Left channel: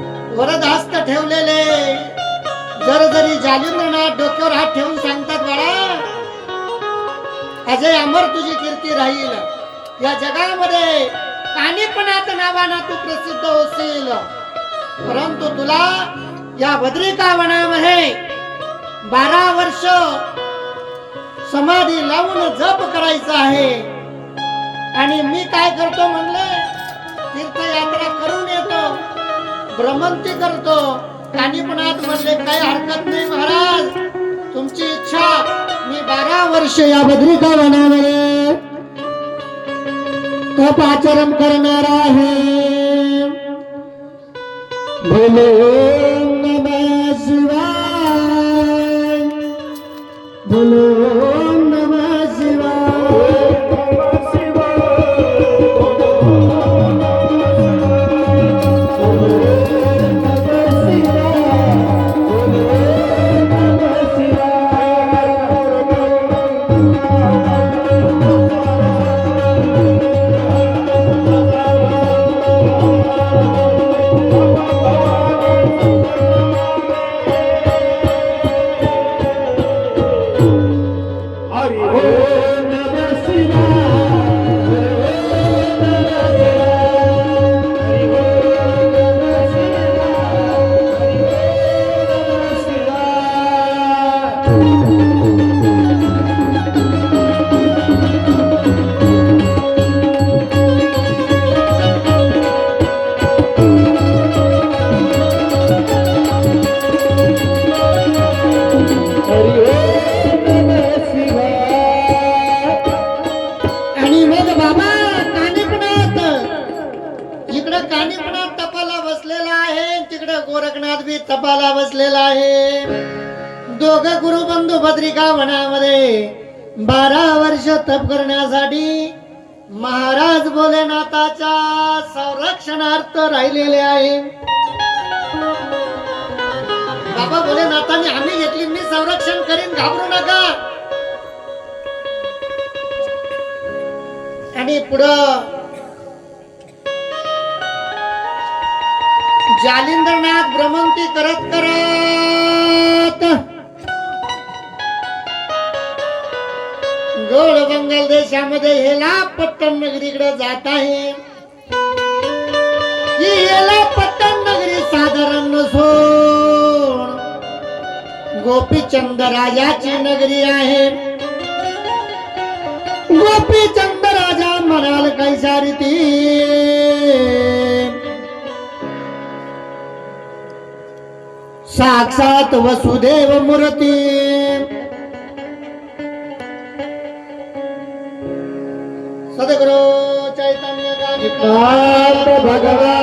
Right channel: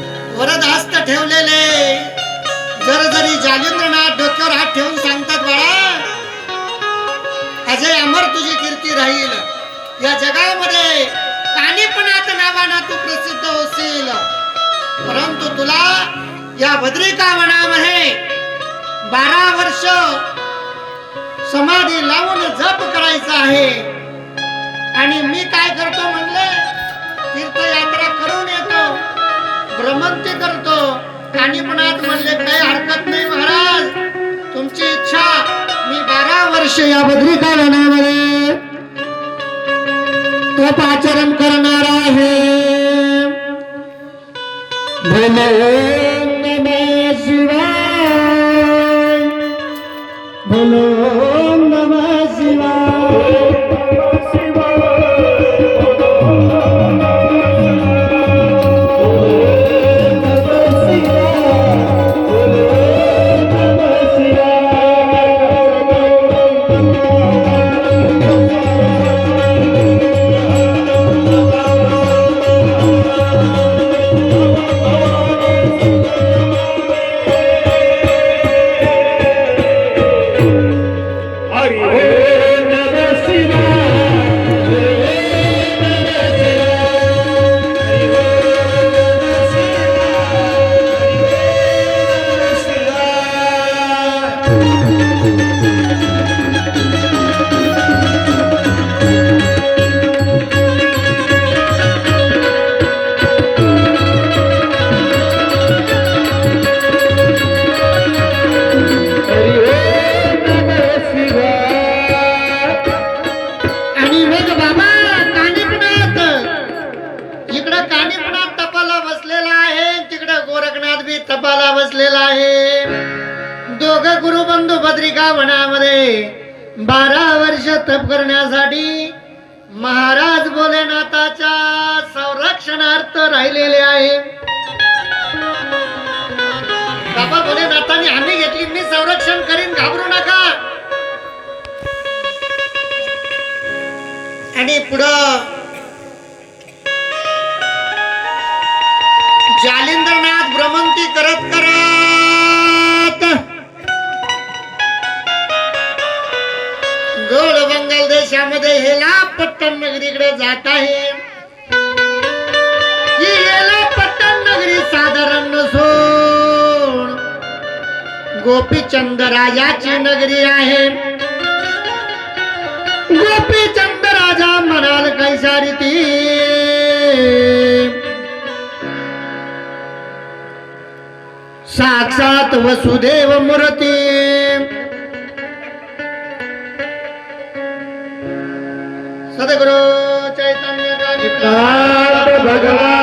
वरदहस्त ठेवलेले. जर जरी जालिंद्रनाथ डोक्यावर हात ठेवून सांगतात बाळा अजय अमर तुझी कीर्ती राहील. या जगामध्ये कानिपणात नावानं तू प्रसिद्ध होशील. परंतु तुला या बद्रिका वनामध्ये बारा वर्ष समाधी लावून जप करायचा आहे. भ्रमंती करतो. काणीपणात म्हणले काही हरकत नाही महाराज. तुमची इच्छा मी बारा वर्ष या बद्रिका वनामध्ये तप आचरण करणार आहे. भोले नमः शिवाय. भोलो गोरखनाथ बी तपाला बसलेला आहे. दोघ गुरुबंधू भद्रिका वनामध्ये बारा वर्ष तप करण्यासाठी महाराज भोलेनाथाच्या संरक्षणार्थ राहिलेले आहे. बाबा भोलेनाथांनी आम्ही घेतली मी संरक्षण करीन घाबरू नका. आणि पुढं जालिंद्रनाथ भ्रमंती करत करत गोड बंगाल देशामध्ये हेला पट्टण नगरीकडे जात आहे. ही हेला पट्टण नगरी साधारण नसून गोपीचंद राजाची नगरी आहे. गोपीचंद राजा म्हणाल कैसा ती. साक्षात वसुदेव मूर्ती. सदगुरु चैतन्य भगवान